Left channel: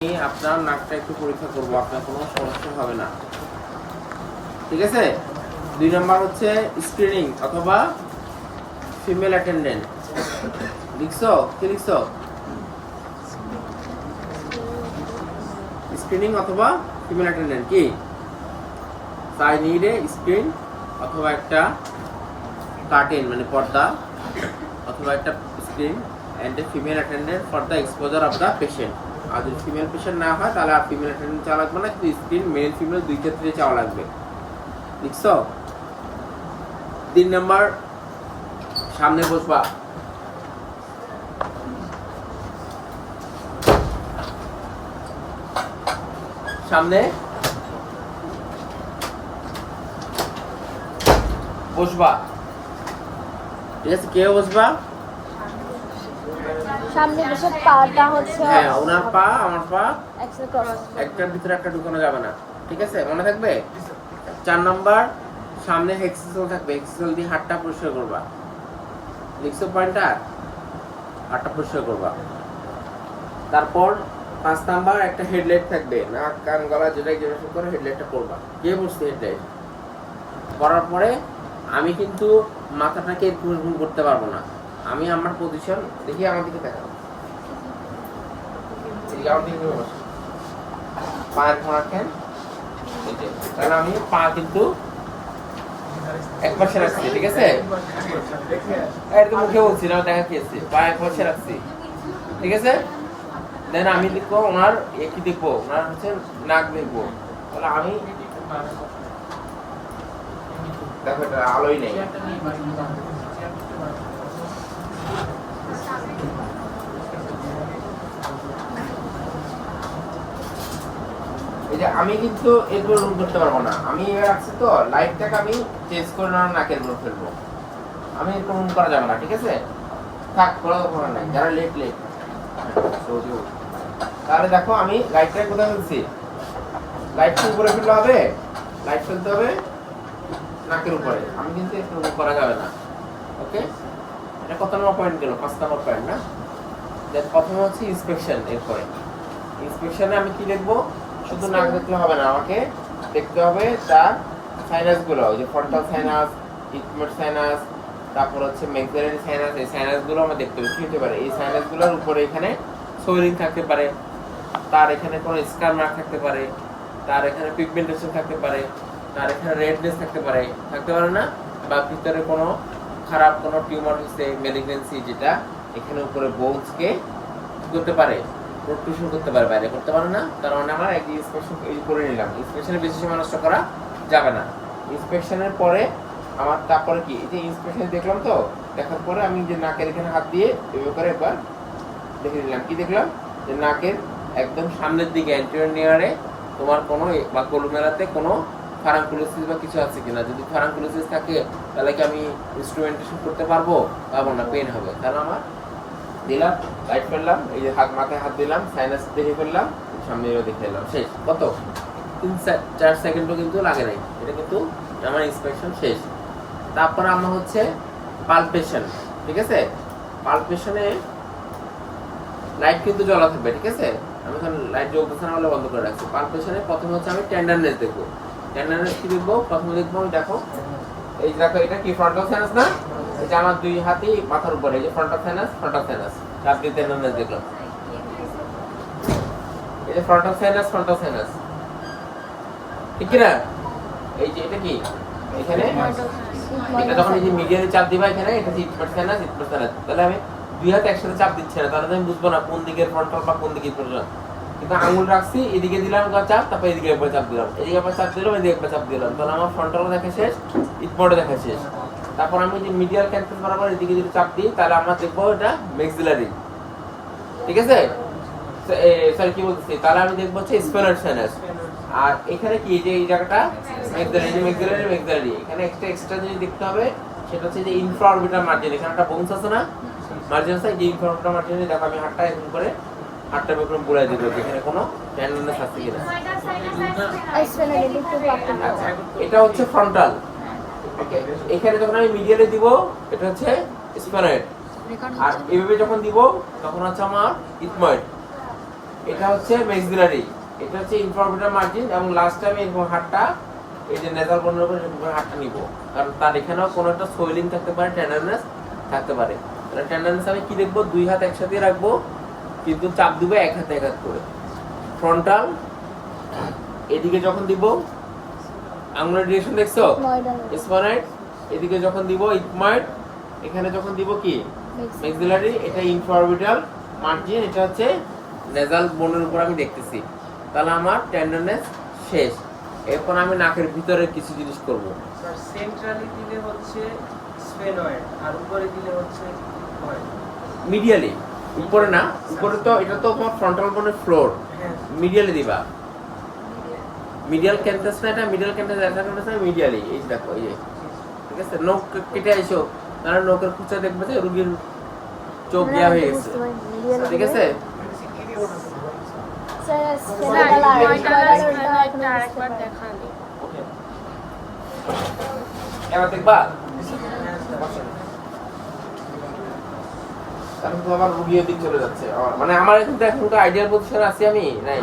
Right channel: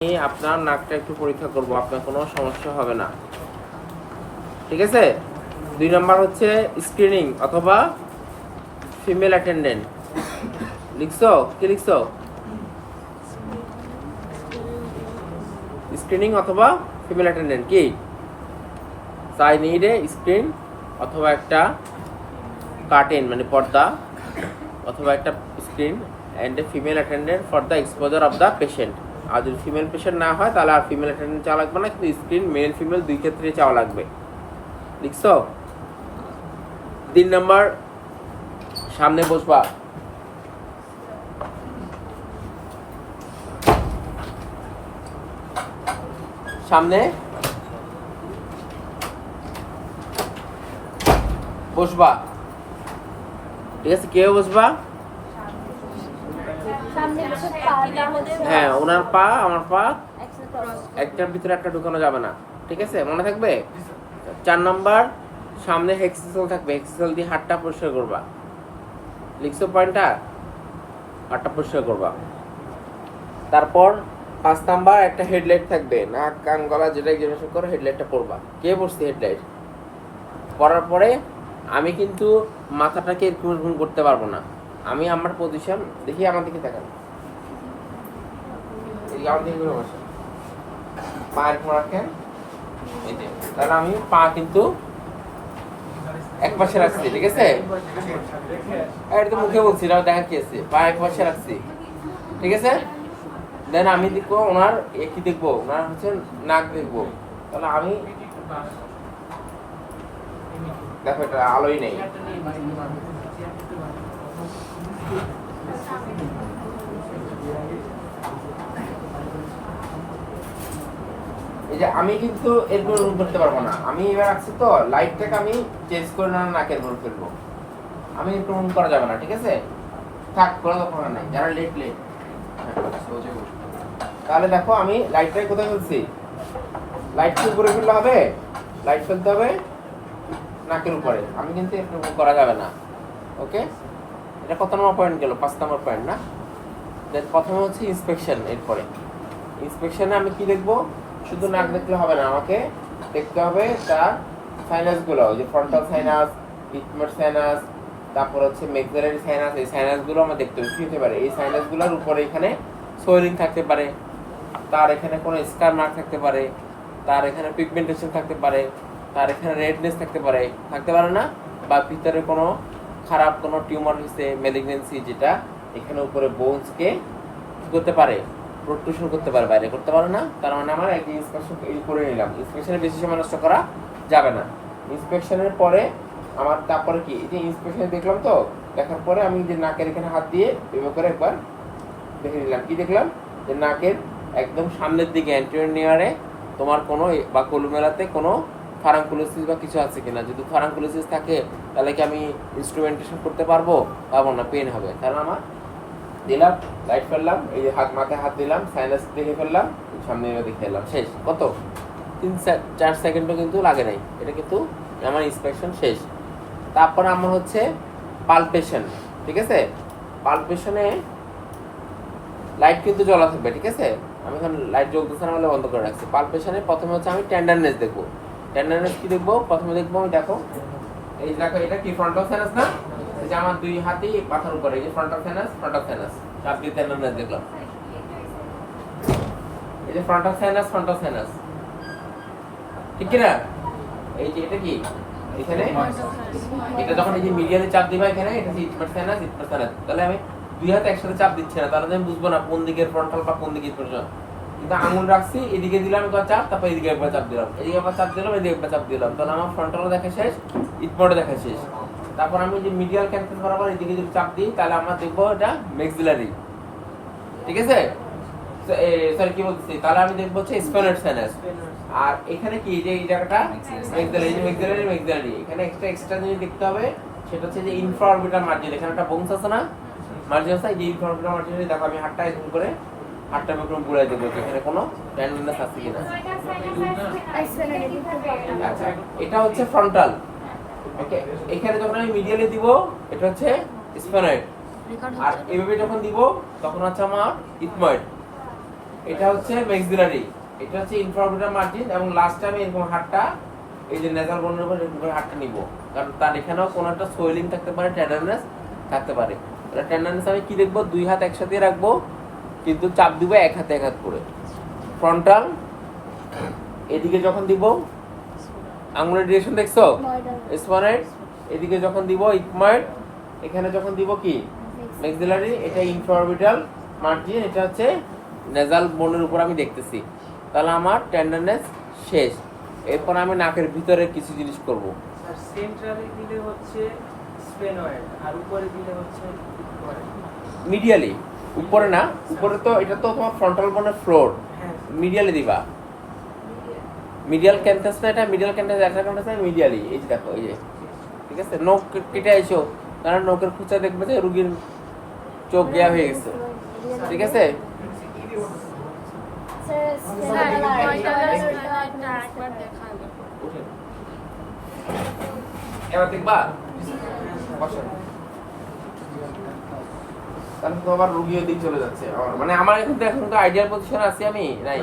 আপনার নাকটা একটু পরীক্ষা করব, আপনার কোনো সমস্যা হবে না, ঠিক আছে। 2 নাম্বার হচ্ছে স্ক্রিনিং অথবা ফিমেল অ্যাটেন্ডেন্ট। লিখছো? কি লিখছো? স্ক্রিনিং অথবা ফিমেল অ্যাটেন্ডেন্ট কি? আই নিড এ স্ক্রিন অথবা একটা কার্টেন মানে পর্দা অথবা একটা screen and a female attendant for the exposure of the patient. আর যদি ফিমেল পেশেন্ট না হয় তাহলে আর ফিমেল অ্যাটেন্ডেন্ট চাওয়া লাগবে না, কিন্তু স্ক্রিন মেল ফিমেল দুই ক্ষেত্রে চাওয়া লাগবে। লিখছো? 3 নাম্বার সামনে বসবা, সামনে বসবা, ঠিক আছে। কেউ বসবা? হ্যাঁ, ওনার পা আমার পা একটার ভিতরে একটা ঢুকানো যাবে না, ঠিক আছে, মনে থাকবে। 4 নাম্বার সামনে হেক্সিসল থাকবে, হেক্সিসল দিয়ে হাতটা পরিষ্কার করবা। লিখছো পয়েন্টটা? হাতটা পরিষ্কার করবা। তারপর 5 নাম্বার একটা হেডলাইট থাকবে, নাক কান গলা যেটা জেনারেশন করে হেডলাইটটা পরবা। কে বসছে হেডলাইট পরার পরে আমি কিন্তু মাথাটাকে এরকম করতে পারবো না। আমি আমার পজিশন দেখি, আমার দিকে দেখাবো, পায়ের ঘোরা কেন, তাহলে আমি পা কিন্তু এক পাশে রাখছি, ঠিক আছে। এটা তো মুখে বলছি না, দেখা কি আছে, পা এক পাশে রাখছি, ঠিক আছে। দেন আমি দেখবো ওনার কি দেখবো, ওনার হচ্ছে নাক দেখবো। তাহলে আমি দেখো এটা আলোই নেই, এই যে আমি কিন্তু এরপর রুম করতে পারবো না। আমি এবার রাখছি তো লাইটটাকে আমি চেঞ্জ করে না নাকের উপর ফেলবো, আমি একটু রুম করা যাবে না, ঠিক আছে। থাক, কোনো দরকার নাই, যারা লেট লেট। তাহলে দেখো আমি লাইটটা কোথায় ফেলছি, লাইটটা উপরে ফেললে হবে, লাইট ফেলতে হবে নাকের উপরে, আমি কিন্তু একটু রুম করা যাবে না, ওকে। এটা কত নম্বর পয়েন্ট গেল? 5 নম্বর পয়েন্ট না। দেন প্রথমে হচ্ছে ইন্সপেকশন। এরপরে ইন্সপেকশনে আমি কি দেখবো, শুধু নাক দেখলে হবে না, আমাকে দেখতে হবে তার সাইনাসগুলো, ওই যে ফ্রন্টাল সাইনাস, ইথমোড সাইনাস, তারপর হচ্ছে মেক্সিলারি সাইনাস। এই সাইনাসগুলো আমরা দেখতে হবে কি হতে পারে। এই সাইনাসগুলোর উপরে এখানে সোয়েলিং থাকতে পারে, তার এখানে কোনো স্কার মার্ক থাকতে পারে, তার এখানে পিগমেন্টেশন থাকতে পারে, তার এখানে রেডনেস থাকতে পারে, থাকতে পারে না, বা ভিতরে কোনো খারাপ কোনো টিউমার হচ্ছে, ম্যালিগনেন্সি, যেটা এখানে উপরে বোনসকে করতে পারে, প্রোট্রুশন করতে পারে, বাইরে করতে পারে না। তার মানে আমার একদিন ইন্সপেকশন করে নিলাম। ইন্সপেকশনে বেশি সময় নষ্ট করা যাবে না। ইন্সপেকশনের পরে আমার তারপরে কি, এই যে ইন্সপেকশনে দেখলাম তো, দেখার পরে আমি যে নাকের এখানে হাত দিয়ে এভাবে করে একবার দেখে নিলাম। কি দেখলাম, যে নাকের একদম সামনের দিকে অ্যান্টেরিয়র নেয়ারে তোমার কোনো বা কলুমেলাতে কোনো ফারাঙ্কুলোসিস বা কিছু আছে কিনা। যদি ফারাঙ্কুলোসিস থাকে তাহলে কি আমি ইনস্ট্রুমেন্টেশন করতে পারবো? পারবো না, পেন হবে। কারণ আমার দিলাম, লাইট ফেললাম, এই যে হাত মাথায় হাত দিলাম, সাইনাস দেখে ফেললাম, সামনে দেখে এলাম, শেষ। কত 3-4 সেকেন্ডও কিন্তু লাগে নাই, এটা কিন্তু আমার ইন্সপেকশন শেষ। তারপর আমার হচ্ছে পালপেশন, ঠিক আছে। পালপেশনে লাইট কিন্তু জ্বলা থাকবে, ঠিক আছে। আমি এখন লাইট জ্বলতেছে না বলে বন্ধ করে রাখছি। পালপেশনে প্রথমে হচ্ছে আমি টেন্ডারনেস দেখবো। টেন্ডারনেস কি দেখবো? প্রথমে দেখবো আমি, দেখো এই দেখো, এটা কি ফ্রন্টাল সাইনাস না? এই যে আমার দুই হাতই মাথার উপরে, এই যে ফ্রন্টাল সাইনাস, ফ্রন্টাল সাইনাস, চাপ দিয়ে টেন্ডারনেস দেখলাম। এই যে ফ্রন্টাল সাইনাস, ফ্রন্টাল সাইনাস, ঠিক কি না? এই যে এটা কি, এখানে এটা যখন এই যে মিডিয়ালে চাপ দিবা এখানে, এটা হচ্ছে ইটমার সাইনাস, ইটমার সাইনাস। তাহলে আমি দুই হাতে একসাথে চাপ দিচ্ছি না, তাহলে আমি বুঝবো না কোন দিকের ফ্রন্টাল বা কোন দিকে ইটমার। কিন্তু আঙুল রাখছি, এদিকে দিলাম একবার চাপ, তারপর এদিকে একবার চাপ দিলাম, এদিকে একবার চাপ দিলাম, এদিকে একবার চাপ দিলাম, তাহলে আমার ফ্রন্টালও দেখা শেষ, ইটমারও দেখা শেষ। তারপর আমি যে মিডিয়াল ক্যান্সার বরাবর এদিকে যদি চাপ দিই, তাহলে আমরা দেখবো এটা মেক্সিলারি, ঠিক আছে। সরি কি বলতেছি, তাহলে আমি দেখবো হচ্ছে স্পেনার সাইনাস। আর এখানে কি, যে এই জায়গাটা মেক্সিলারি, মেক্সিলারি, মেক্সিলারি, এখানে এক্সট্রা জিনিস দেখতে হবে, সেটা হচ্ছে যে ইনফ্রাঅরবিটাল মার্জিন। এখানে একটা বোনস আছে না, মার্জিন আছে, এই যে ইনফ্রাঅরবিটাল মার্জিন। দেখো আমি হাতটা এরকম করে হাতটা বেকরম পুরাই দেবো, এখানে কোনো টেন্ডারনেস আছে কিনা। আচ্ছা, এটা হচ্ছে ফ্রন্টাল, ওকে। এখানে যখন আমি মিডিয়ালে দিব, এটা হচ্ছে স্পেনয়েড। আর এইভাবে যখন দিব তখন হচ্ছে আমার ইথময়েড, এটা হচ্ছে ম্যাক্সিলারি, এটা হচ্ছে ইনফ্রাঅরবিটাল মার্জিন, এবং লাস্ট আমি এরকম হাতটা এই যে নেজাল বোনের উপর এরকম করে হাতটা নিব, কারণ তার এখানেও কোনো একটা সোয়েলিং থাকতে পারে, টেন্ডারনেস থাকতে পারে। তাহলে টেন্ডারনেস আমি কি দেখবো, দুই হাত একসাথে রাখবো, কিন্তু চাপ দিব এক হাতে এক হাত করে। ফ্রন্টাল এদিকে যখন দিব, আঙুলের ডিরেকশন দেখছো, স্পনেট এদিকে যখন দিব ইকমার্ড, এখানে যখন দিব কি ম্যাক্সিলারি, এটা ইনফ্রাঅরবিটাল মার্জিন, এটা হচ্ছে নেজাল বোনের উপর আমি দেখতেছি। তাহলে আমার টেন্ডারনেস শেষ। এরপর আমি নাকের ভিতরে কিছু জিনিস করব। সেন্ট্রালে দিলে হচ্ছে স্ফেনয়েড আর উপরে দিলে হচ্ছে মিডিয়ালি, উপরে না, উপরে তো এটা তো তোমার ফ্রন্টাল বোনের ফ্লোর, মিডিয়ালি দিবা। মিডিয়াল ক্যান্টাস না, এটা মিডিয়াল ক্যান্টাস, এটা ক্যান্টাস না, মিডিয়ালি। এই যে দেখো, এই যে ঠিক আছে, নখ কেটে আইছো, তাহলে নখের খুঁচা দেখবে যে রোগীর চোখ দেওয়া হয়ে গেছে, ঠিক আছে। এবার দেখবা, তাহলে তো আবার রুগীর দিক চলে যাচ্ছে। মানে আমার এখন তো আইডিয়াল পজিশন আছি আমি, নাই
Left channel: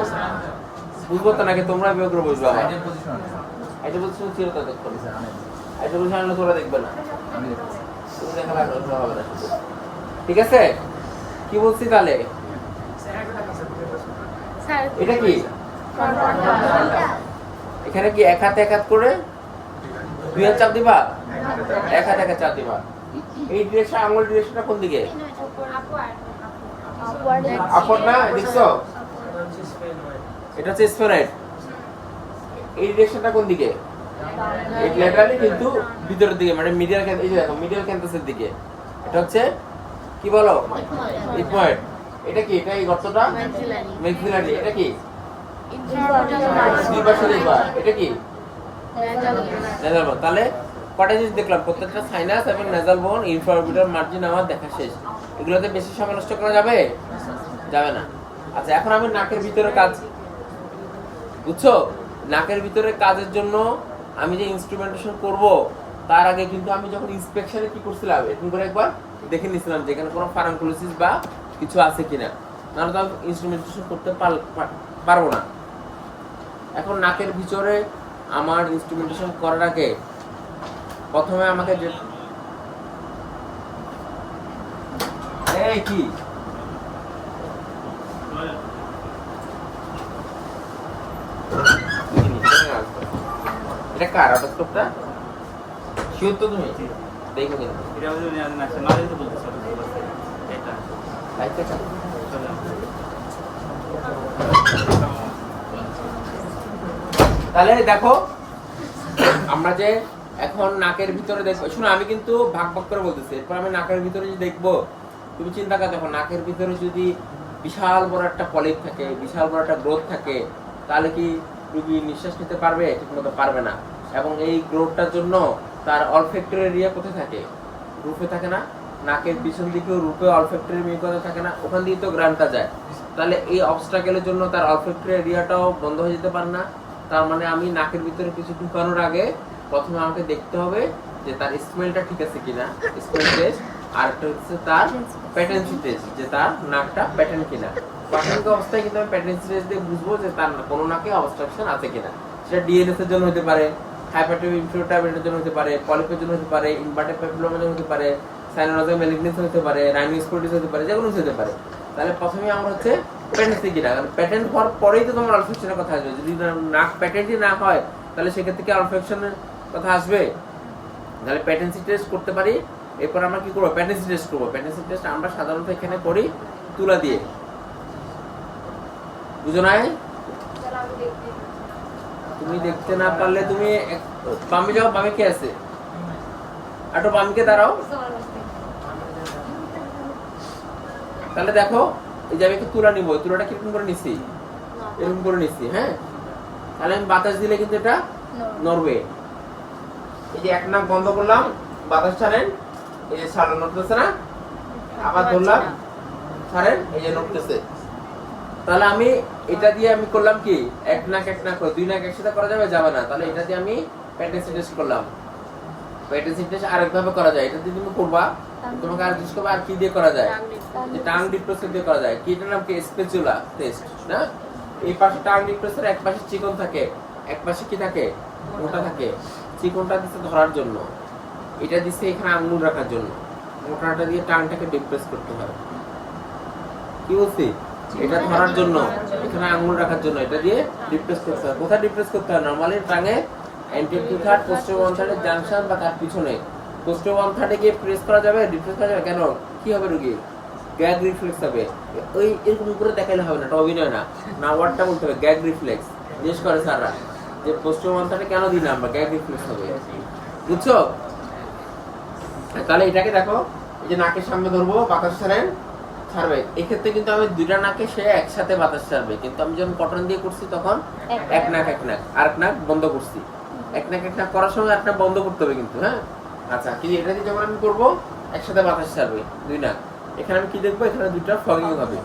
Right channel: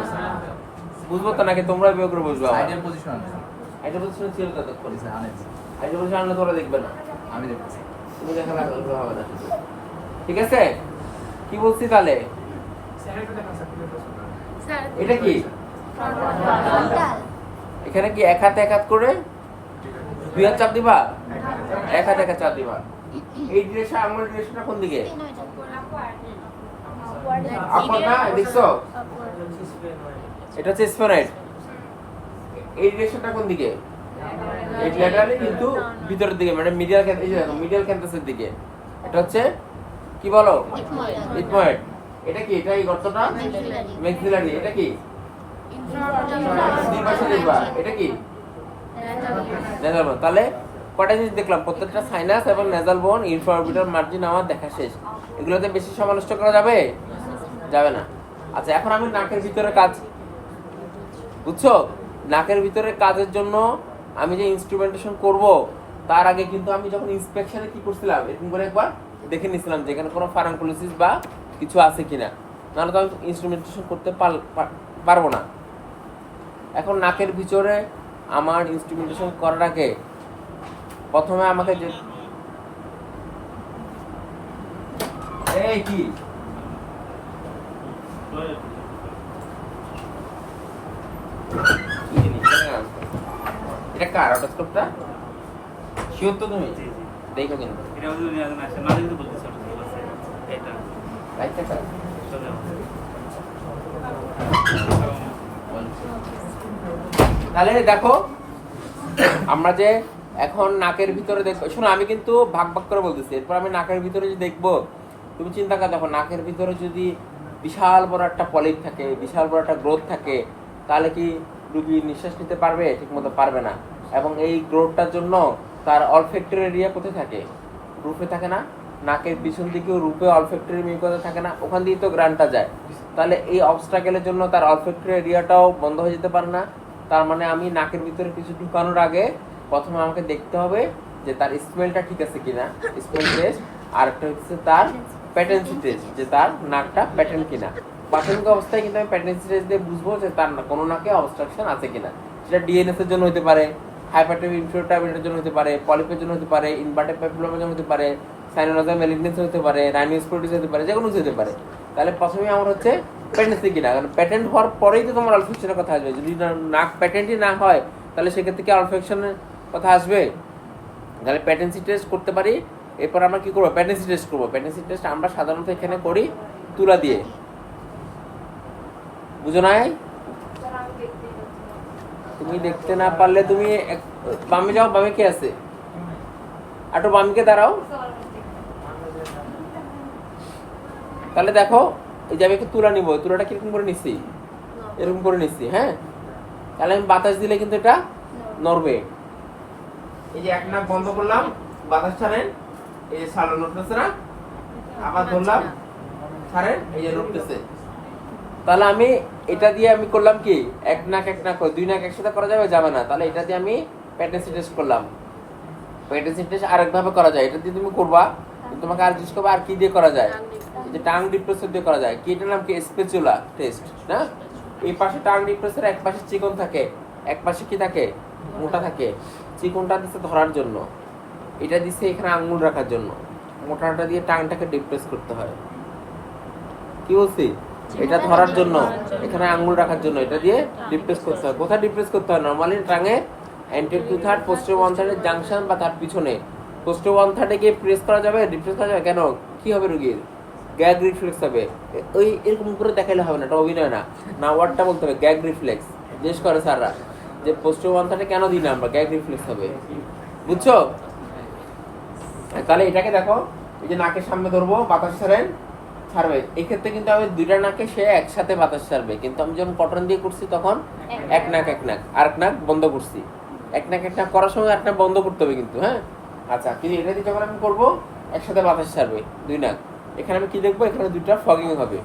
বুঝবো তো নাকি তোমরা বিয়োগ করে বুঝবো। আমার আইডিয়াল পজিশন ছিল ততক্ষণ, আইডিয়াল পজিশন আনলে তোমরা দেখবে না, তুমি দেখা না হবে না। ঠিক আছে, কি বলছি তাহলে? এটা কি এখানে কি এক হাতে এক হাত করে দুই হাত চাপ দিবা, এক হাতে এক হাত চাপ দিবা। এই ডিরেকশন, আঙুল ডিরেকশনটা কোন দিকে? আপর না, দেখছো এটা হচ্ছে স্ফেনয়েড। এই ডিরেকশনটা কোন দিকে? এই ল্যাটারালি, কিন্তু ভিতরের দিকে, মানে মিডিয়াল, এই যে দেখো মিডিয়াল ক্যান্টাসের দিকে। এটা হচ্ছে কি বলো, ইথময়েড। এটা কি? এটা এই গর্তটা ম্যাক্সিলারি। এটা কি? দুই পাশে দেখবা, এটা কি? নেজাল বোন। তাহলে কটা জিনিস দেখলাম, প্রত্যেকটা সাইনাস এবং নেজাল বোন, ইনফ্রাঅরবিটাল মার্জিন আমার দেখা শেষ। এগুলোতে বেশি সময় নষ্ট করা যাবে? যাবে না। আচ্ছা, এখন আমি নাকের ভিতরে কাজ, বুঝছো, নাকের ভিতরে কাজের জন্য আমি যে ইনস্ট্রুমেন্টেশন করব, তার আগে কিন্তু আমি যখন ইন্সপেকশনে কি করছিলাম, এরকম করে একবার দেখে নিছিলাম যে এখানে কোনো ফারাঙ্কুলোসিস বা কিছু আছে কিনা, নাহলে তো আমি ইনস্ট্রুমেন্টেশন করতে পারবো না। এখন নাকের ভিতরে আমার ইনস্ট্রুমেন্টেশন করার আগে প্রথমে আমাকে যে এই কি এটা কার অটোস্কোপটা? শিওর তো তুমি? দেখো কিন্তু এটা হচ্ছে না দিতে বলতেছে এটা লাইটটা কার? তাহলে দেখো, আমরা যে এখন নাকের ভিতরে দেখবো, শোনো আমি কিন্তু ভাগ ভাগ করে বলতেছি। এরপর আমি নাকের ভিতরে যে দেখবো, তুমি চিন্তা করে দেখো, নাকের ভিতরে যদি বিশাল বড় একটা পলিপ থাকে, বিশাল বড় একটা গ্রোথ থাকে, তাহলে কি রুগী নিঃশ্বাস নিতে পারবে? ঠিক মতো পারবে না। এবং এই গ্রোথটার জন্য তার অলফ্যাক্টরি এরিয়া কোথায় থাকে? রুফে থাকে না? নাকের পিছন দিকেও রুফে অলফ্যাক্টরি মিউকাসা থাকে না? ওখান দিয়ে তো গ্রানটা যায়। তাহলে এই অবস্ট্রাকেলের জন্য তার অলফ্যাক্টরি এরিয়াটাও বন্ধ হয়ে যেতে পারে না। তার মানে আমি নাকের ভিতরে কিছু ঢুকানোর আগে প্রথমে আমাকে দেখতে হবে যে তার স্মেলটা ঠিক আছে কিনা, স্মেল টেস্ট। আর একটা হচ্ছে তার প্যাটেন্সি টেস্ট, যে তার নাকটা প্যাটার্ন কিনা। প্রাথমিক অবস্থায় কিন্তু আমি প্যাটেন্সি টেস্ট দিয়ে বুঝবো যে তার কোনো নাকে অবস্ট্রাকশন আছে কিনা। সেটা ডিএনএস এর জন্য হতে পারে, হাইপারটেনশন ইনফ্লুয়েন্টার জন্য হতে পারে, পলিপের জন্য হতে পারে, ইনভার্টেড প্যাপিলোমার জন্য হতে পারে, সাইনোনাজাল ম্যালিগনেন্সি হতে পারে, রাইনোস্কোলিটিস হতে পারে, যে কোনো কিছু হতে পারে। তাহলে প্রথমে আমার হচ্ছে প্যাটেন্সি কিনা, কারণ প্যাটেন্ট হওয়ার পরেই তো তোমার অলফেকশনের কথা আসবে। যদি নাক প্যাটেন্টই না হয়, তাহলে সেক্ষেত্রে কি অলফেকশনের কথা আসবে? তাহলে প্যাটেন্সি টেস্ট করতে পারি। এরপর আমরা কি করবো? প্যাটেন্সি টেস্ট করবো। প্যাটেন্সি টেস্ট আমরা সাধারণত এখানে করি তুলা দিয়ে, বুঝো নাই? তুমি দেখতে না পারলে তুমি বামে যাও, বামে কে আছে? একটু বামকে দাঁড়াও। তাহলে দেখো, এই যে আমি একটু তুলা নিবো, তুলাটা কিরকম করে নিচ্ছি, এরকম করে নিচ্ছি, হ্যাঁ। তাহলে আমি বাতাস দিলে কিন্তু এটা নড়বে। এই যে এক নাক বন্ধ করলাম, বাতাস ছাড়েন, এই যে ছাড়লো, নড়তেছে না? আবার ধরলাম, ছাড়েন, এই যে নড়তেছে। তাহলে আমি এটা দিয়ে আমি করলাম কি, এক নাক দুই নাক একসাথে করা যাবে? যাবে না। তাহলে এটা দিয়ে আমি প্যাটেন্সি টেস্ট করলাম। প্যাটেন্সি টেস্ট আরেকভাবে করা যায়, এটা দিয়ে তুমি করবা, তোমাকে আর জিজ্ঞেস করবা আর কি দিয়ে করা যায়। যে টাং ডিপ্রেসর দিয়ে করা যায়, কি এটার নাম কি স্পেচুলা টেস্ট না? এই পাশে টাং ডিপ্রেসর, এক পাশে চিকন থাকে, এক পাশে কি থাকে, মোটা থাকে। চিকনটা দিচ্ছে ধরার জন্য, এটা দিচ্ছে এখানে আঙ্গুল রাখার জন্য, মোটাটা দিয়ে টাংটাকে ডিপ্রেস করতে হয়। কি বলছি? এটা ধরার জন্য, এখানে আঙ্গুল রাখার জন্য, এটা দিয়ে ডিপ্রেস করতে হয়। কোথায় ডিপ্রেস করতে হয়? নরমালি টাঙে anterior two third, posterior one থার্ডের জাংশন বা তার পিছনে। পোস্টেরিয়র ওয়ান থার্ডে গিয়ে প্রেস করা যাবে, ডিপ্রেস করা যাবে। কেন? কি হবে রোগীর? গ্যাগ রিফ্লেক্স হবে। ওই এরকম করে দেখাইলে হবে না, এটা অভিনয় না। না, ওয়ার্ডটা বলতে হবে গ্যাগ রিফ্লেক্স। জিজ্ঞেস করে স্যাররা যে পোস্টেরিয়র ওয়ান থার্ডে কেন দিই না আমরা, গ্যাগ রিফ্লেক্স হবে। বুঝছো? তাহলে এটাকে দেখো, এই যে নাকের সামনে ধরবো, বাতাস ছাড়বে। এক্ষেত্রে কিন্তু আমি দুইটা নাকে সে একসাথে বাতাস ছাড়বে, কিন্তু আমি যখন কটন দিয়ে করছি তখন এক নাক আর এক নাক বন্ধ করছি। এক নাক করার সময় এক নাক বন্ধ করতে হবে কিন্তু, হ্যাঁ। আচ্ছা, কিন্তু এটা দিয়ে যখন আমি করবো একসাথে বাতাস ছাড়বে দুই নাক। এখানে আমি কি দেখবো? এখানে দুইটা ফ্লগিং হবে।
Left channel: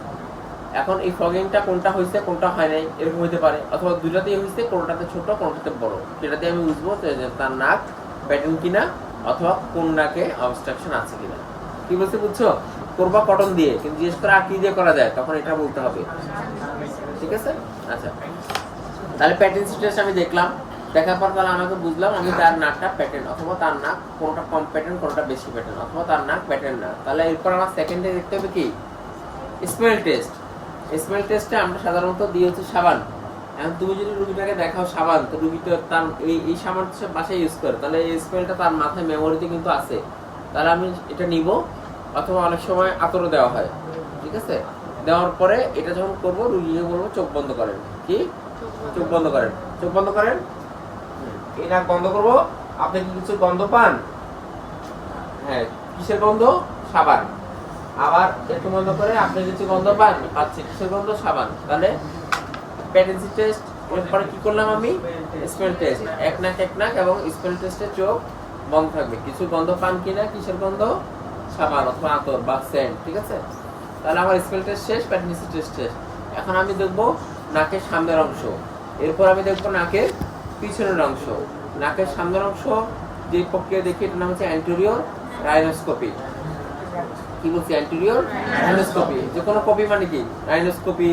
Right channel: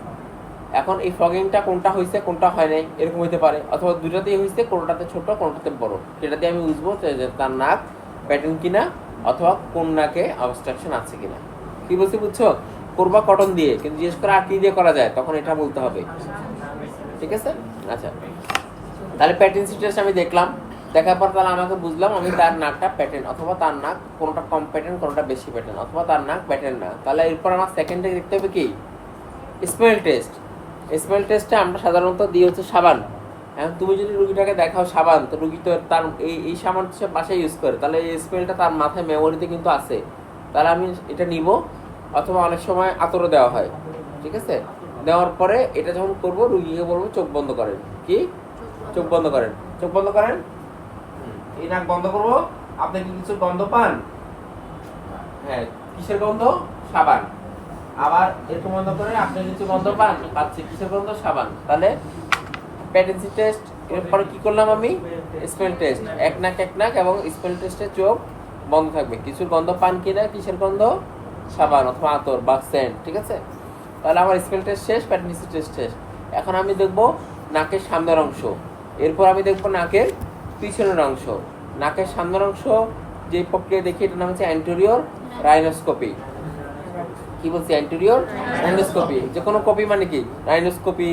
এখন এই ফ্লগিংটা কোনটা হয়েছে কোনটা হয় নাই এরকম হইতে পারে, অথবা দুইটাতেই হয়েছে, কোনটাতে ছোট কোনটাতে বড়। সেটা দিয়ে আমি বুঝবো তার নাক প্যাটার্ন কিনা, অথবা কোন নাকে অবস্ট্রাকশন আছে কিনা। কি বলছি বুঝছো? করবা কটন দিয়ে, কিন্তু জিজ্ঞেস করে আর কি দিয়ে করা যায়, তখন এটা বলতে হবে। ঠিক আছে? আচ্ছা, তাহলে প্যাটার্ন টেস্ট আমি দেখলাম, দেখার পর তাহলে আমাকে বুঝলাম আমি তার নাকটা প্যাটার্ন, অথবা তার নাক কোনটা কম প্যাটার্ন কোনটা বেশি প্যাটার্ন, অথবা তার নাক প্যাটার্ন না। তাহলে এরপর আমার সেকেন্ডে দেখতে হবে কি? Smell test. স্মেল টেস্টে আমরা সাধারণত দিই হচ্ছে সাবান। এখন তুমি যদি রুগীটাকে দেখাও সাবান, তো রুগী তো তার এই সাবান সে বাসায় ইউজ করে, তাহলে এই স্মেলটা তার মাথায় মেমোরিতে কিন্তু আছে। তাহলে আমি এটা নিব, অথবা অনেক সময় আতরও দেওয়া হয়। ঠিক আছে? দেওয়ার পরে এটা যখন করবো, রুগীকে বলবো চোখ বন্ধ করেন। কি? চোখ বন্ধ করেন। চোখ বন্ধ করেন। এই নাক বন্ধ করবো। আপনি কি কিছু গন্ধ পান? হ্যাঁ, কিসের গন্ধ? সাবান। আবার একটু বন্ধ করে আপনি কিছু গন্ধ পান? পাচ্ছি। কিসের গন্ধ? সাবান। তাহলে প্যাটেন্সি টেস্ট, এরপরে কি করলাম আমি? Smell test. এক নাক এবং স্মেল টেস্টে চোখ বন্ধ থাকবে। কিছু গন্ধ পান কিনা? কিসের গন্ধ? সাবান অথবা আতর বা সেন্ট। ঠিক আছে? তাহলে আমার স্মেল টেস্ট শেষ, প্যাটেন্সি টেস্ট শেষ। এখন আমি দেখবো নাকের সামনের অংশ, এরপর আমি দেখবো নাকের পিছনের অংশ। নাকের সামনের অংশ যে প্রক্রিয়া দেখি, এটার নাম হচ্ছে অ্যান্টেরিয়র রাইনোস্কোপি। কি বলছি? অ্যান্টেরিয়র রাইনোস্কোপি। যে কোনো কপি মানে কি? রাইনোস্কোপি,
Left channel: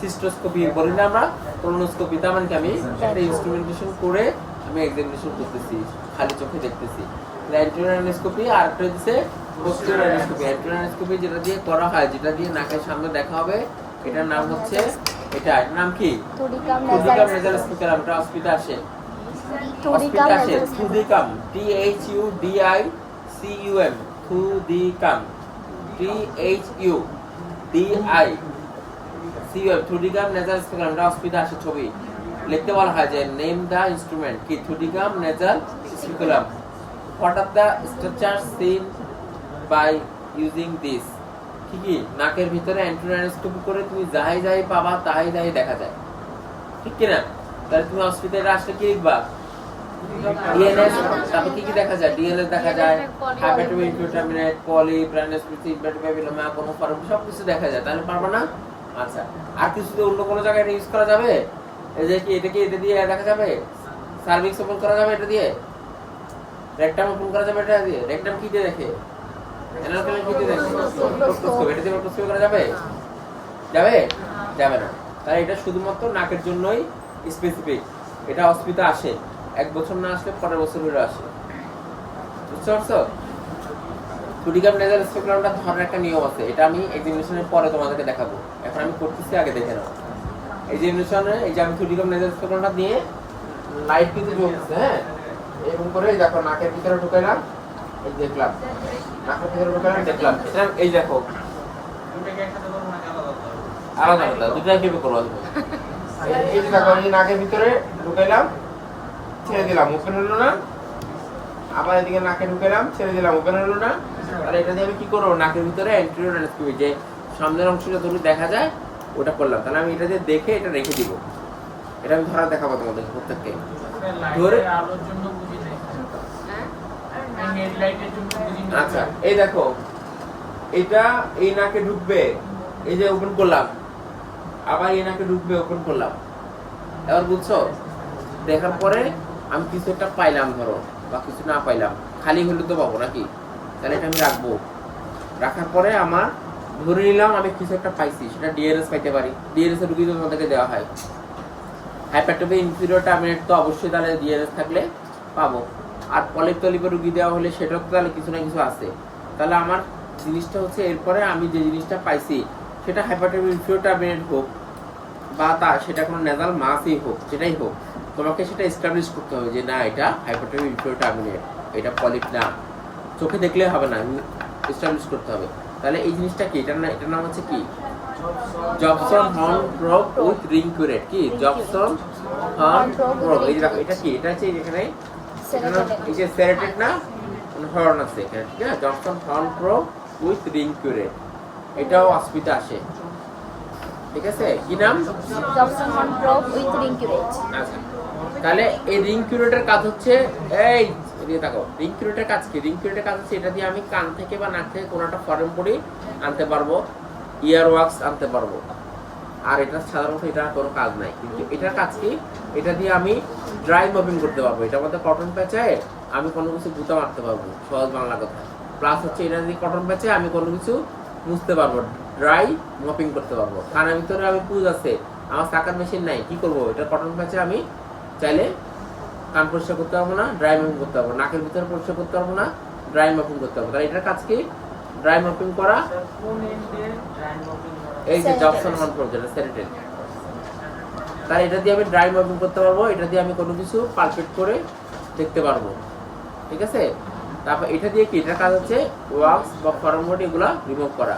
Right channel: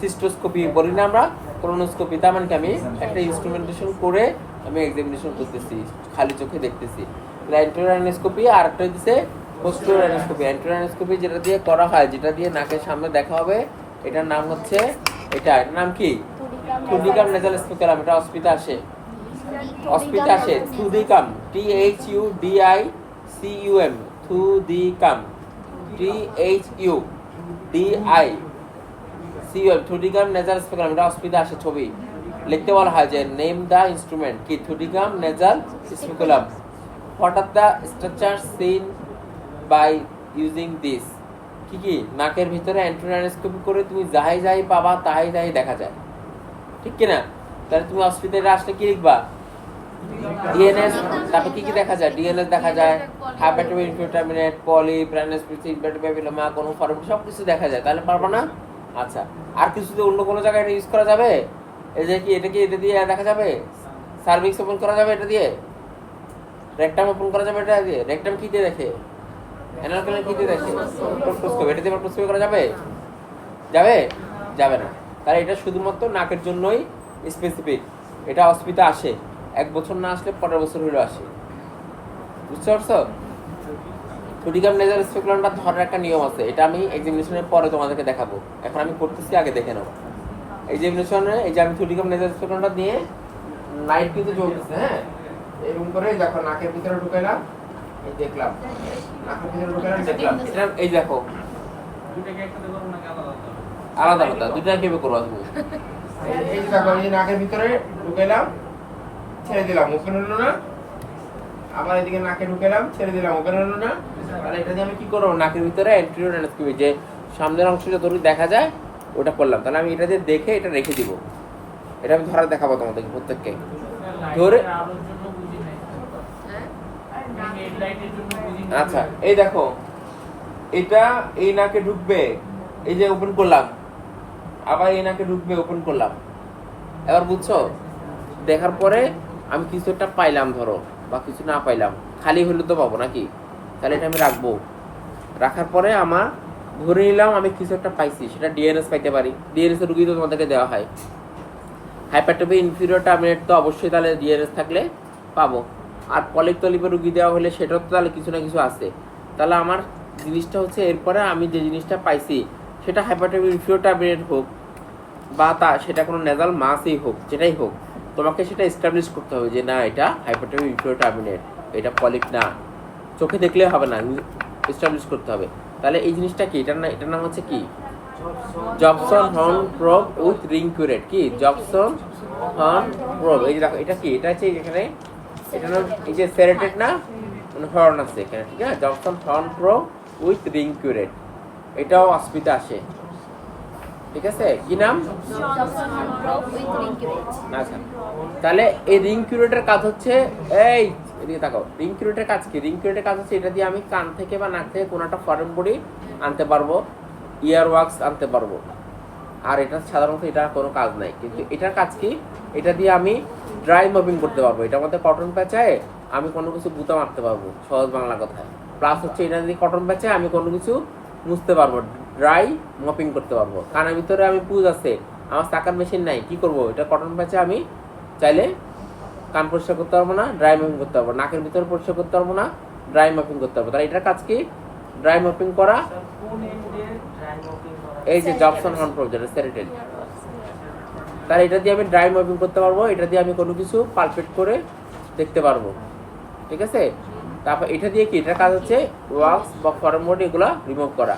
সিস্টোস্কোপি বলি না আমরা, কোলোনোস্কোপি। তার মানে কি? আমি একটা ইনস্ট্রুমেন্টেশন করে আমি এক্সামিনেশন করতেছি, খালি চোখে দেখতেছি। অ্যান্টেরিয়র রাইনোস্কোপি। আর একটা হচ্ছে পোস্টেরিয়র রাইনোস্কোপি। অ্যান্টেরিয়র রাইনোস্কোপি যেটা দিয়ে করা হয়, যেটা দিয়ে নাকের সামনে দেখা হবে, এটার নাম হচ্ছে এটার নাম কি? Thudichum nasal স্পিকুলাম। এটা অস্পিতা আসে, অস্পিতা আসে। থুডিকাম, THUDICUM, থুডিকাম, THUDICUM, থুডিকাম নেজাল স্পিকুলাম। এটা অস্পিতা আসে ছবি লিখতে বলা হয় যে নেম দ্য ইনস্ট্রুমেন্ট। কি? Thudichum nasal speculum. What are the structure seen by using this. কি নাকের ভিতরে অ্যান্টেরিয়র করে তুমি যাই পাবা তাই দেখা যায়। ঠিক কিনা? তাহলে তুমি হসপিটালে আসলে কি লিখবা? ডিএনএস। তারপর কি দেখা যায়? ডিএনএস দেখা যায়, হাইপারটোইনফিউটামিনেট, পলি, প্রাণস্পেসিফিক ব্যাকটেরিয়া, কোনো ফর্ম, সব কিছু দেখা যায়। তাহলে পারবা না? আচ্ছা, আর কিছু তো অন্য কোনো জায়গায় ইউজ করা যাবে? এই যে কি এটা দিয়ে দেখা যাবে? সার্ভিক্স ওপেন করা যাবে এটা দিয়ে? রেকটাম ওপেন করা যাবে এটা দিয়ে? রেকটাম কি দিয়ে দেখে? অ্যানালকালিন কি দিয়ে দেখে? প্রক্টোস্কোপি। এটা দিয়ে প্রক্টোস্কোপি করা যাবে? যাবে না। তাহলে এটা শুধুমাত্র নাকের জন্যই স্পেসিফিক। এটা অস্পিতা আসে, 1 বছর না আসলে পরের বছর হলে আসে। বুঝতে পারছো? থুডিকাম নেজাল স্পিকুলামটা ধরার একটা নিয়ম আছে, এটা আমি এক্সামিনেশনের পরে তোমাদেরকে দেখাবো। এখন আমি করতেছি, আগে দেখে নাও। এক্সামিনেশনে এই যে আমি থুডিকাম নেজাল স্পিকুলামটা দিয়ে লাইট কিন্তু জ্বলতেছে, হ্যাঁ, এরকম করে দেখো নাকের ভিতরে ঢুকাইলাম, এই দেখলাম নাকের ভিতরে ঢুকাইলাম, দেখলাম। এটা এই দেখো আলাদা আলাদা দুইটা কিভাবে করবো তুমি? এই যে দেখো, এই নাকের ভিতরে ঢুকাইলাম, ছেড়ে দিলাম, ওপেন হলো না। আবার এদিকে নাকে ঢুকাইলাম, ছেড়ে দিলাম, ওপেন হলো না। তাহলে এটা দিয়ে আমি কি করবো? নাকের ভিতরে অ্যান্টেরিয়র রাইনোস্কোপি, যে সামনের অংশ যতটুকু দেখা যায় ওটা করলাম। তাহলে আমি এটা দিয়ে দেখে এটা রেখে দিব। এটা আমি ধরা দেখাবো তোমাদের প্রত্যেককে ধরে। আচ্ছা, এই দেখো, এটা এই নাকে ঢুকবে, এই যে ওপেন করলাম, আবার এই নাকে ঢুকবে, ওপেন করলাম। এবার বুঝছো? দেখার পরে আমি কিছু একটা পাইলাম ধরো, বা কিছু না পাইলাম, খালি হলে তো পাবো নাকি? তাহলে এটা আমি রাখবো। রাখার পরে আমার ধরে নিলাম আমি কিছু একটা পাইছি, সেটা ডিএনএস পাইতে পারি। ডিএনএস এর রুগী তো তোমাদেরকে দেওয়া হয়। হাইপারটোপি ইনফিরিয়র টার্মিনেট তো অবশ্যই তাহলে ডিএনএস থাকলে পাবো। আর পলিপ টলিপের রুগী দেওয়া হলে সেটাও তো তাহলে কিছু না কিছু আছে। তাহলে আমার জিনিসটা হচ্ছে এরপরে আমি যে জিনিসটা পাইছি সেটা হাইপারটোপি ইনফিরিয়র টার্মিনেট হোক বা সেটা কোনো নেজাল মাসই হোক, যেটাই হোক, তোমাকে সেটা এস্টাবলিশ করতে হবে যে না এটা হাইপারটোপি ইনফিরিয়র টার্মিনেট, এটা পলিপ না। চোখে দেখলে হবে না, এস্টাবলিশ করতে হবে। তাহলে এই জিনিসটা কি, এটার নাম হচ্ছে কি, Jobson Horne probe with ring curette. কি জবসন হর্ন প্রোব, এই যে দেখো এটা কি, এটা হচ্ছে এখানে এটা নাম এই যে সেরেটেড না হর্ন আছে এখানে, ঠিক আছে। Jobson Horne probe with ring curette, এটাও অসুবিধা আসে, ঠিক আছে। কি নাম? আচ্ছা, তাহলে এই রিং কিউরেটের কাজ হচ্ছে এই এদিকে তাকাও, রিং কিউরেটের কাজ কি? রিং কিউরেটের কাজ হচ্ছে এটা দিয়ে আমি কান থেকে বা নাক থেকে কোনো একটা ফরেন বডি আনতে পারবো, ইয়ার ওয়াক্স আনতে পারবো। আর এটা সাধারণত এটা কোনো কাজ নাই, কিন্তু এটার কাজ কি, এটা দিয়ে আমি ড্রাই মপিং করতে পারবো। এটার মধ্যে কটন প্যাচায় আমি কোনো কিছু গুঁতা মারতে পারবো, সহজ বাংলা কথা। প্লাস হচ্ছে এটা দিয়ে কটন প্যাচায় আমি কোনো কিছু মুছতে পারবো, ড্রাই মপিং করতে পারবো। কানের ভিতরে আমি পুজ আছে, আমার চাকার মেশিন নাই, কি করবো, এটা কটন প্যাচে আমি চাইলে কান পরিষ্কার করতে পারবো না, ড্রাই মপিং করতে পারবো। নাকের ভিতরে পরিষ্কার করতে পারবো না, ড্রাই মপিং করতে পারবো। তাহলে এটার কাজ কি, ড্রাই মপিং করা। এই যে জবসন হর্ন প্রোব যেটা সেরেটেড, তাহলে এটা দিয়ে আমি ড্রাই মপিং করতে পারবো, এটা দিয়ে আমি কোনো কিছু পালপেট করে দেখতে পারবো, ঠিক আছে। তারপর এটা দিয়ে কি, এটার কাজ হচ্ছে ওয়াক্স বা ফরেন বডি এগুলো রিমুভ করা।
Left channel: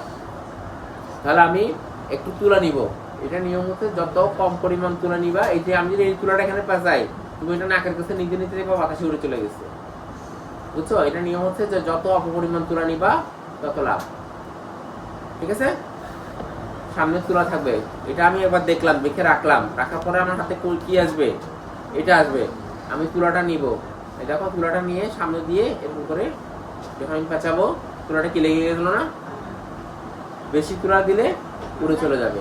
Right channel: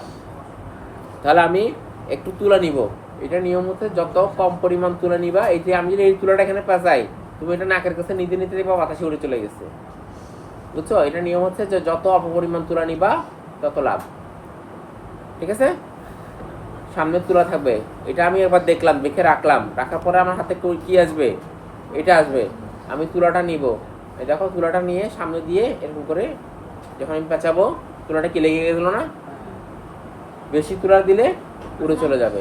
তাহলে আমি একটু তুলা নিব, এটা নিয়ম হচ্ছে যত কম পরিমাণ তুলা নিবা। এই যে আমি যদি এই তুলাটা এখানে পেঁচাই, তুমি এটা নাকের কাছে নিতে নিতে বা বাতাসে উড়ে চলে গেছে, বুঝছো। এটা নিয়ম হচ্ছে যে যত অল্প পরিমাণ তুলা নিবা তত লাভ, ঠিক আছে। সামনে তুলা থাকবে, এটা আমি এবার দেখলাম, দেখে রাখলাম, রাখার পরে আমার হাতে কি আসবে, এটা আসবে। আমি তুলাটা নিব, এই দেখো তুলাটা নিয়ে সামনে দিয়ে এরকম করে যখন আমি পেঁচাবো, তুলাটা কি লেগে গেছিল না, বেশি তুলা দিলে উড়ে চলে যাবে।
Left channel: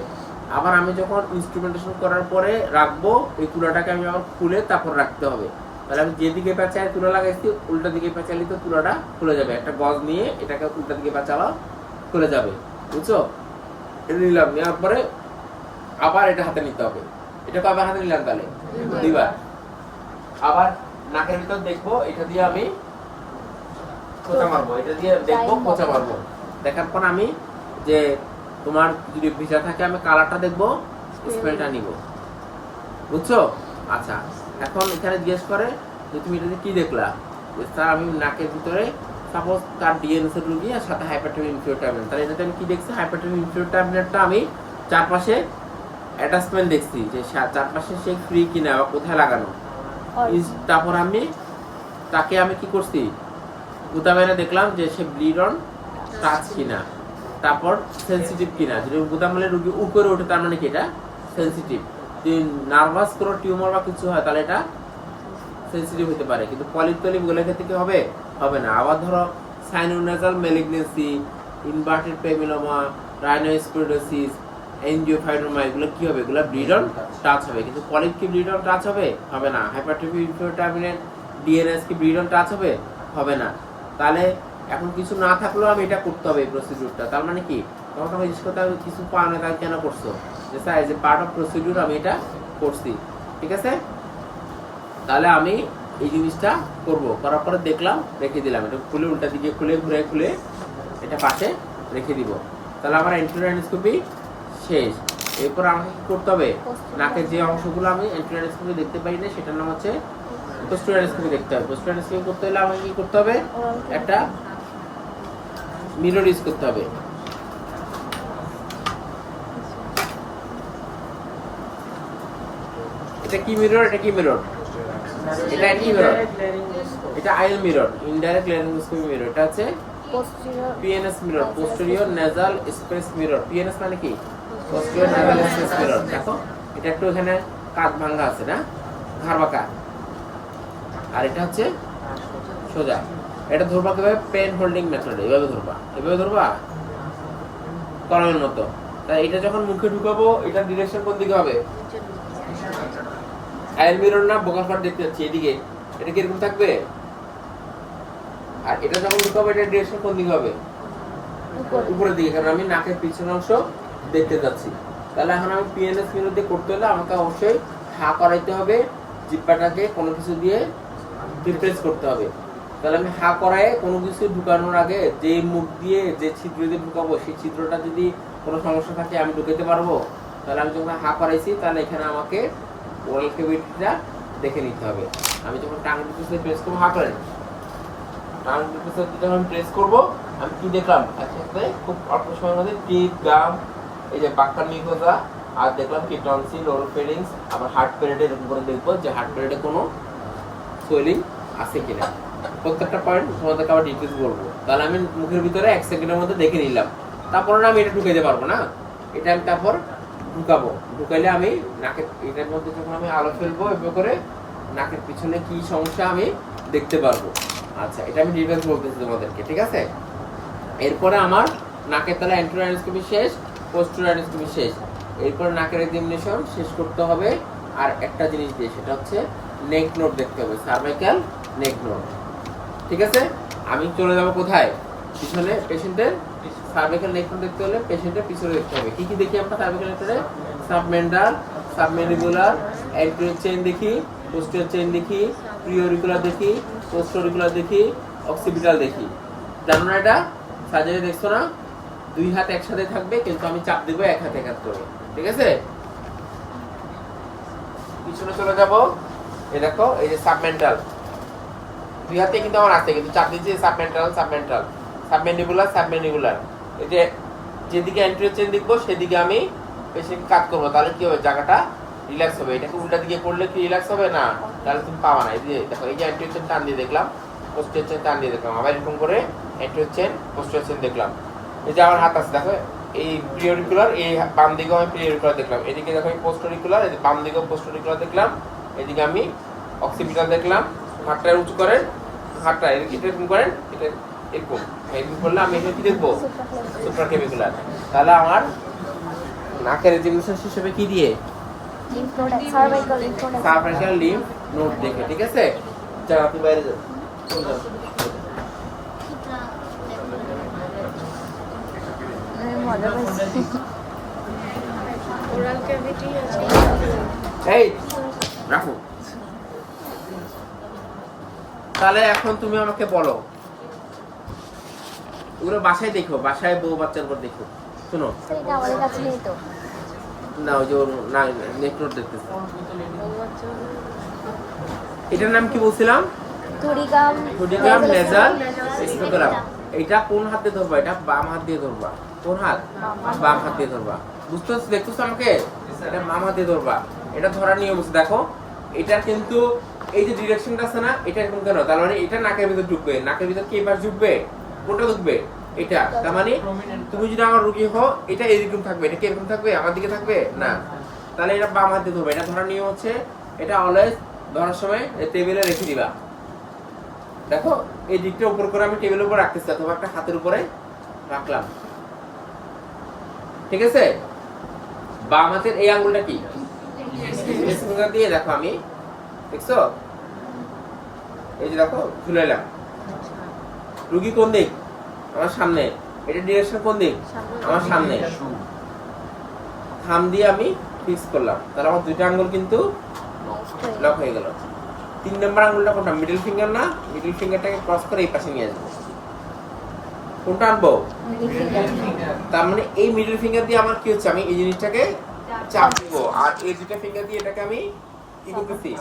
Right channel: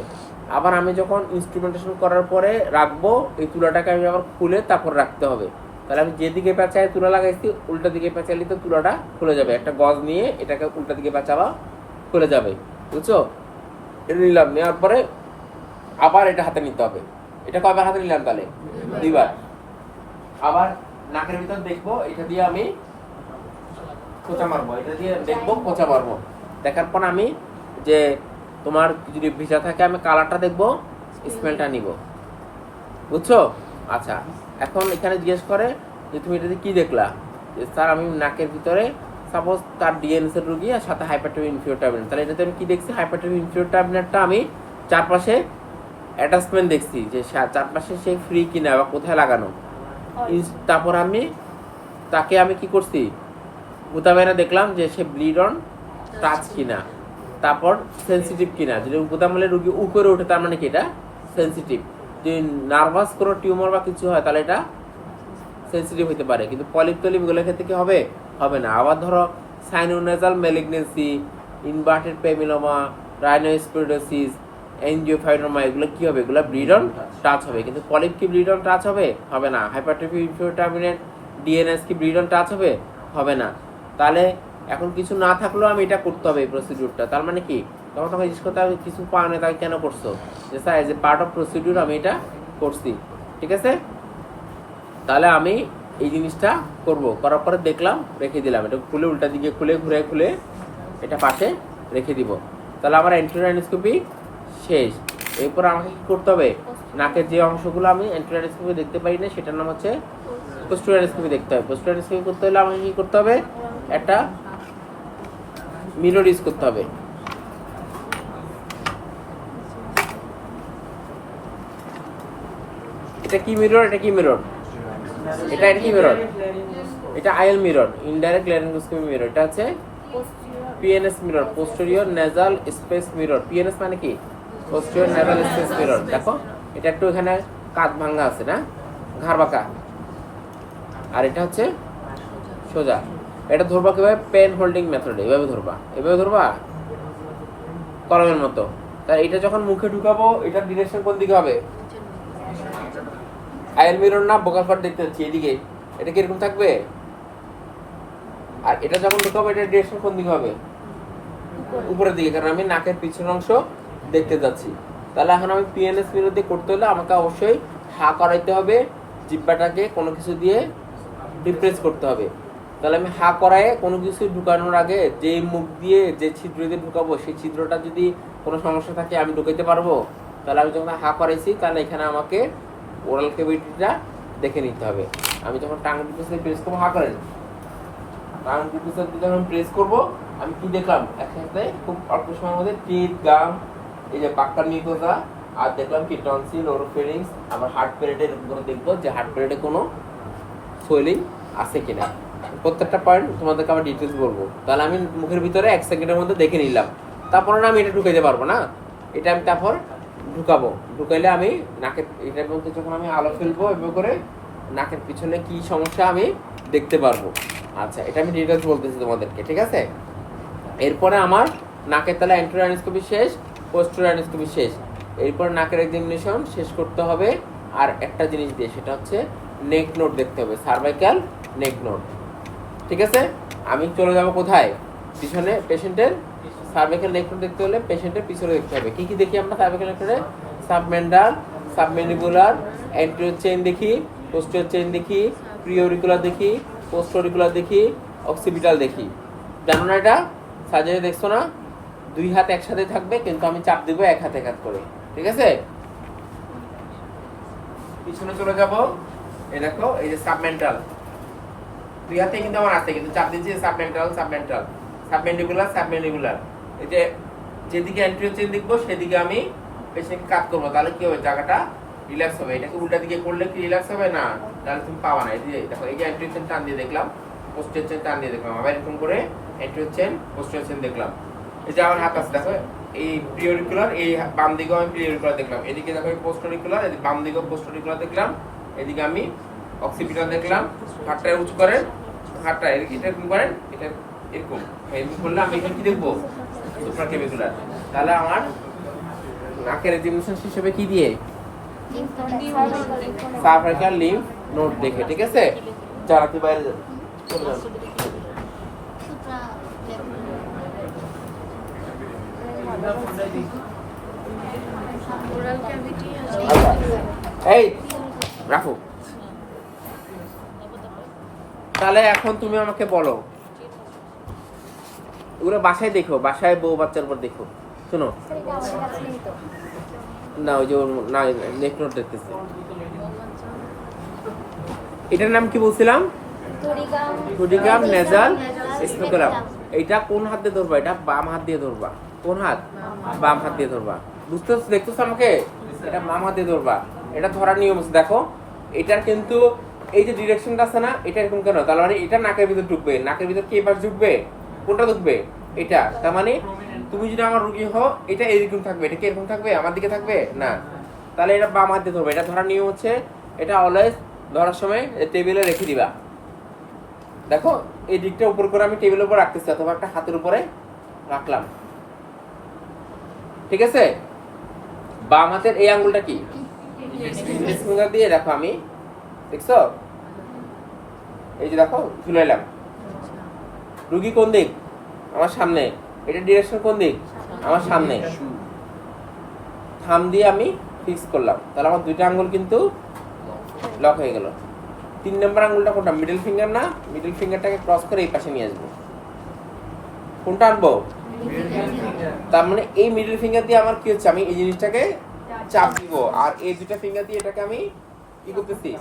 আবার আমি যখন ইনস্ট্রুমেন্টেশন করার পরে রাখবো, এই তুলাটাকে আমি আবার খুলে তারপর রাখতে হবে। তাহলে আমি যেদিকে পেঁচায় তুলা লাগাইছি উল্টা দিকে পেঁচালি তো তুলাটা খুলে যাবে। একটা গজ নিয়ে এটাকে উল্টা দিকে পেঁচাবা, খুলে যাবে, বুঝছো। এটা নিলাম, নেওয়ার পরে আবার এটা হাতে নিতে হবে। এটা কয়বার হাতে নিলাম তাহলে? 2 বার। আবার নাকের ভিতর দেখবো, এটা দিয়ে আমি খোঁচা মারবো, এটা দিয়ে দেখবো খোঁচা মারবো। দেখার পর আমি যে তোমার যদি ভিজা থাকে আমি কালারটা দেখবো, স্মেলটা নিব, বুঝছো। আচ্ছা, এখন এখানে জিজ্ঞেস করে যে তুমি এটাতে কি দেখলা, স্যার আমি নাকের ভিতরে সাপোজ তার ডিএনএস এর রোগী আর সাথে হাইপারটোপি ইনফিরিয়র টার্মিনেট। তাহলে এটাতে আমি কি দেখছি, হাইপারটোপি ইনফিরিয়র টার্মিনেটটা আমি চারপাশে অ্যাটাচমেন্ট দেখছি যে চারপাশে সে ফ্রি কিনা বা কোথায় লাগানো। তারপর তাকে আমি কি করছি, গুতা বাইরে দেখলাম যে সে ব্লিড অন টাচ কিনা, তারপর সেন্সিটিভ কিনা। যদি গুতা মারলে রোগী উপরে ওঠে তার মানে কি এটা সেন্সিটিভ। যদি নার্ভাস কোনো টিউমার বা কিছু হয় তাহলে এটা সেন্সিটিভ হতে পারে, কিন্তু পলিপ টলিপ গুলোর ক্ষেত্রে কি হবে, হবে না। আবার ধরো সাইনোনেজাল ম্যালিগনেন্সি, ইনভার্টেড পেমিলোমা, রাইনোস্ক্লেরোসিস, এনজিওফাইনোমা, এগুলো কি হবে, এগুলো ব্লিড অন টাচ হবে। কিন্তু পলিপ কি ব্লিড অন টাচ হবে, হবে না। হাইপারটোপি ইনফিরিয়র টার্মিনেট ডিএনএস কি ব্লিড অন টাচ হবে, হবে না। তাহলে এখন কিছু না থাকলেও আমি এটা করতে হবে এই প্রসিডিউরটা। তার মানে কি, তখন তোমাকে জিজ্ঞেস করতে হবে কিছু পাও না তাই কেন করছো, যে sir as a part of procedure আমি এটা করছি, ঠিক আছে। তাহলে আমি এই জিনিসটা করব, করার পরে দেখলাম, রেখে দিলাম, এটা খুলে উল্টা দিকে খুলে ঘুরে খুলে এটা পাশে রেখে দিব। তাহলে আমার এন্টেরিয়র অ্যান্ডোস্কোপি শেষ। এরপর আমাকে কি করতে হবে, নাকের যে অংশগুলো আমি এন্টেরিয়র অ্যান্ডোস্কোপি দেখতে পাই না সেটার নাম হচ্ছে পোস্টেরিয়র অ্যান্ডোস্কোপি দেখতে হবে। পোস্টেরিয়র অ্যান্ডোস্কোপি করতে হলে আমাকে কি করতে হবে, একটা মিরর ইউজ করতে হবে। এটা কি মিরর, এটা কি মিরর, এটা কি মিরর, এটা IL mirror, indirect laryngoscopy mirror. এটা হচ্ছে PNS mirror, posterior nasal space mirror. PNS মানে কি, পোস্টেরিয়র নেজাল স্পেস মিরর। দেখো এটা একটু এখানে কাঁধ ভাঙা আছে না, ঘাড় বাঁকা, আর এটা হচ্ছে সোজা। এটা ধরবা কিভাবে, পেন হোল্ডিং মেথডে, এভাবে ধরবা, এভাবে ধরবা কলমের মতো। তাই এটা যখন মুখে ঢুকাবো এটার ডিরেকশন কোন দিকে হবে, আইএল মিরর না বোকার পাট দেখতে হচ্ছে এদিকে, এটা কি এরকম থাকবে। আর এটা যখন ঢুকাবো এটার ডিরেকশন কোন দিকে হবে, উপরের দিকে, কারণ আমি নাকের পিছনের অংশ দেখতে যাচ্ছি। তাহলে এখন আমি পিএনএস মেনু দিয়ে করতে হলে আমাকে অবশ্যই হা করাইতে হবে, জিহ্বাটাকে কোনো কিছু দিয়ে রিপ্লেস করতে হবে। তাহলে আমি হা করায় কোনো কিছু ঢুকানোর আগে যে মুখ দিয়ে যে ছিদ্র দিয়ে ঢুকাবো সেই ছিদ্রটা যদি কোনো সমস্যা থাকে আমি ঢুকাইতে পারবো। তাহলে আমি যখন হা করাইছি তাহলে এখানে আমাকে ওরাল ক্যাভিটিটা দেখে নিতে হবে। আমি যখন টাং টিপুসে প্রেস করবো, হা করেন, টাং টিপুসে যখন প্রেস করবো আমি কি দেখলাম একসাথে খুব অল্প সময়ের মধ্যে টিপ, গাম, এই যে বাক্কার মিউকোসা, আর দেখলাম কি টনসিল, ওরোফেরিংস, আবার হার্ট প্যারেটের উপরে দেখবো যে হার্ট প্যারেটে কোনো সোয়েলিং আছে কিনা। প্রত্যেকটা পয়েন্ট তোমাদেরকে আবার ডিটেলস বলবো। তাহলে আমি মুখের ভিতরে 1 সেকেন্ডের মধ্যে দেখে নিলাম। তারপরে না আমি এটা ঢুকাইতে পারবো না, এটা আমি তারপর ঢুকাবো। ঢুকাইলে আমি নাকের এটার মধ্যে যখন আমি আলো ফেলবো এভাবে করে নাকের পিছনে কি সমস্যা আমি দেখতে পারবো। আচ্ছা, এটা আমি ডিটেলস বলতেছি তোমাদেরকে, ঠিক আছে? এরপরে আমার নাকের তাহলে অ্যান্টেরিয়র অ্যানাস্টোমি শেষ, পোস্টেরিয়র অ্যানাস্টোমি শেষ। এরপর নাকের এক্সামিনেশন শেষ করতে হবে আর একটা জিনিস দিয়ে, সেটা হচ্ছে নেক নোট দেখতে হবে, সার্ভাইকাল নেক নোট। ঠিক আছে, আমি চলে যাব কোথায়? পিছনে পেশেন্টের সার্ভাইকাল নেক নোট দেখতে হলে পেশেন্টের পিছনে দেখতে হবে। কি কি দেখি আমরা সার্ভাইকাল নেক নোটে? সাবমেন্ডাল, সাবমেন্ডিবুলার, অ্যান্টেরিয়র চেইন দেখি, পোস্টেরিয়র চেইন দেখি, প্রিঅরিকুলার দেখি, পোস্টেরিকুলার দেখি, অক্সিপিটাল দেখি। জানো না এটা? সার্জারি দেখছো না? 2 হাত একসাথে থাকবে কিন্তু আমি চাপ দিব 1 হাতে 1 হাত করে, ঠিক আছে? পিছনে চলে যাব, এই দেখো এই যে সাবমেন্টাল, 2 হাতে কিন্তু আমার আছে কিন্তু চাপ দিচ্ছি সাবমেন্টাল, সাবমেন্টাল, সাবমেন্ডিবুলার, সাবমেন্ডিবুলার। এই যে যেদিকে অ্যান্টেরিয়র চেইন দেখবো সেদিকে আমি পেশেন্ট কাট করবো, তাহলে কি হবে? জায়গাটা রিল্যাক্স হবে। এটাকে উল্টা দিকে করলে কি রিল্যাক্স হবে না? তাহলে তুমি পাবা না। এই যে দেখো এই যে অ্যান্টেরিয়র চেইন টান দিয়ে দেখলাম, পোস্টেরিয়র চেইন টান দিয়ে দেখলাম, আবার এরকম করে অ্যান্টেরিয়র চেইন, পোস্টেরিয়র চেইন দেখলাম। এই যে আমার হাত আছে দেখো, এই প্রিঅরিকুলার, এই বাম দিকেও আমি প্রিঅরিকুলার দেখলাম, এদিকে দেখো এই পোস্টেরিকুলার, এই বাম দিকেও পোস্টেরিকুলার দেখলাম, এদিকে আমি অক্সিপিটাল দেখলাম। হাতটা উঁচু করেন, হাতটা এরকম করেন, এটা এরকম এরকম করলে আমি এখানে কি দেখবো? সুপ্রাক্লেভিকুলার। তাহলে আমার নাকের এক্সামিনেশন হিসেবে কি দিয়ে? সার্ভাইকাল লিম্ফ নোড দেখে, ঠিক আছে? যারা তুই বাইরে চলে যাও। এই রাখো। তাহলে এখন তুমি আমাকে বলো, ওগুলো বাসায় দেখো, বাসায় বউ বাচ্চার উপর দেখো। শোনো না, ওই যে না নেক নোট দেখতেছে, এটার নাম কি বলছিলাম? টুডিগাম নেজাল স্পেকুলাম। এইটা কোন হাত দিয়ে ধরবা? এটা বাম হাত দিয়ে ধরবা। কোন হাত? বাম হাত দিয়ে ধরবা। বুঝতে দেখতেছো আমাকে? এটা বাম হাত দিয়ে ধরবা। এটা ধরার নিয়ম আছে, দেখো এটার কিন্তু এই যে ডিরেকশনটা আছে না, এটা এরকম কেন? তার মানে এটা নাকের ভিতর ঢুকবে। নাকের ভিতর কি এবার ঢুকবে? কোনটা ঢুকবে? এটা। তার মানে তুমি যদি আমার রুগী হও, এটা এরকম থাকবে, এটা কি এরকম থাকবে? আমার দিকে থাকবে না। তাহলে এটা বাম হাত দিয়ে ধরবে। এটা ধরার নিয়ম হচ্ছে, এটা অলওয়েজ ধরার সময় টেবিলে রেখে দিবা। দেখো এই দিকটা উপর করে আমি টেবিলের উপর রাখতেছি অথবা একটা হাতের উপরে রাখলাম, ঠিক আছে? বাম হাতের এই আঙ্গুলটা কি ফিঙ্গার দিয়ে দেখো, আমি দেখছো এই যে দেখো ঝুলে এলাম। রুগী কোন দিক? আমার সামনে। এটা ডিরেকশন কোন দিক? আমার সামনে। থাম দিয়ে আমি ফিক্স করলাম, তাহলে আমার 2টা আঙ্গুল কিন্তু লক হয়ে গেল। 3 নম্বর আঙ্গুলটা কোনটা? মিডল ফিঙ্গার না? মিডল ফিঙ্গারটাকে ক্রস করে এই পাশে নিয়ে আসবো। কোনটা আনবো? তার মানে এই মিডল ফিঙ্গার দিয়ে আমার কি হচ্ছে? আমি এই জিনিসটাকে চাপ দিব, আর এই 2টা ফিঙ্গার দিয়ে এটাকে আমি কি করতেছি?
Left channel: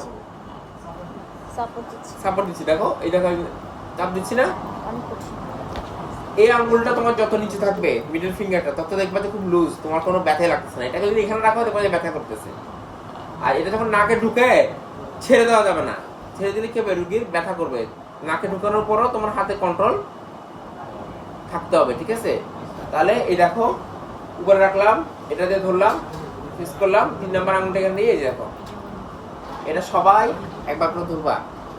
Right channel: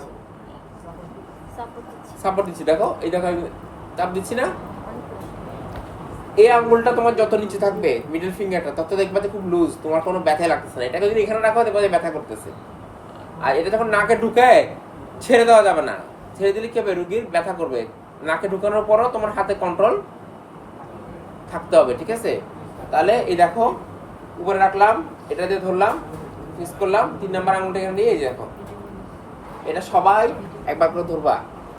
সাপোর্ট দিচ্ছি। দেখো এই দেখো চাপ দিচ্ছি না? এই আঙ্গুলটা তোমার যত নিচে থাকবে মিডল ফিঙ্গারটা, তত দেখবা যে খুব লুজ, তোমার কোনো ব্যথা লাগতেছে না। এটাকে যদি এখানে রাখো দেখবা যে ব্যথা করতেছে। আর এটা যখন নাকে ঢুকায় ছেড়ে দেওয়া যাবে না। ছেড়ে দিলে কি হবে? রুগীর ব্যথা করবে। নাকে ঢুকানোর পরও তোমার হাতে কন্ট্রোল থাকতে হবে, ঠিক আছে? তাহলে এই দেখো উপরে রাখলাম, এটা দিয়ে ধরলাম, ফিক্স করলাম, 3 নম্বর আঙুলটা এখানে নিয়ে এই দেখো, এটা সবাই একবার করে ধরবা।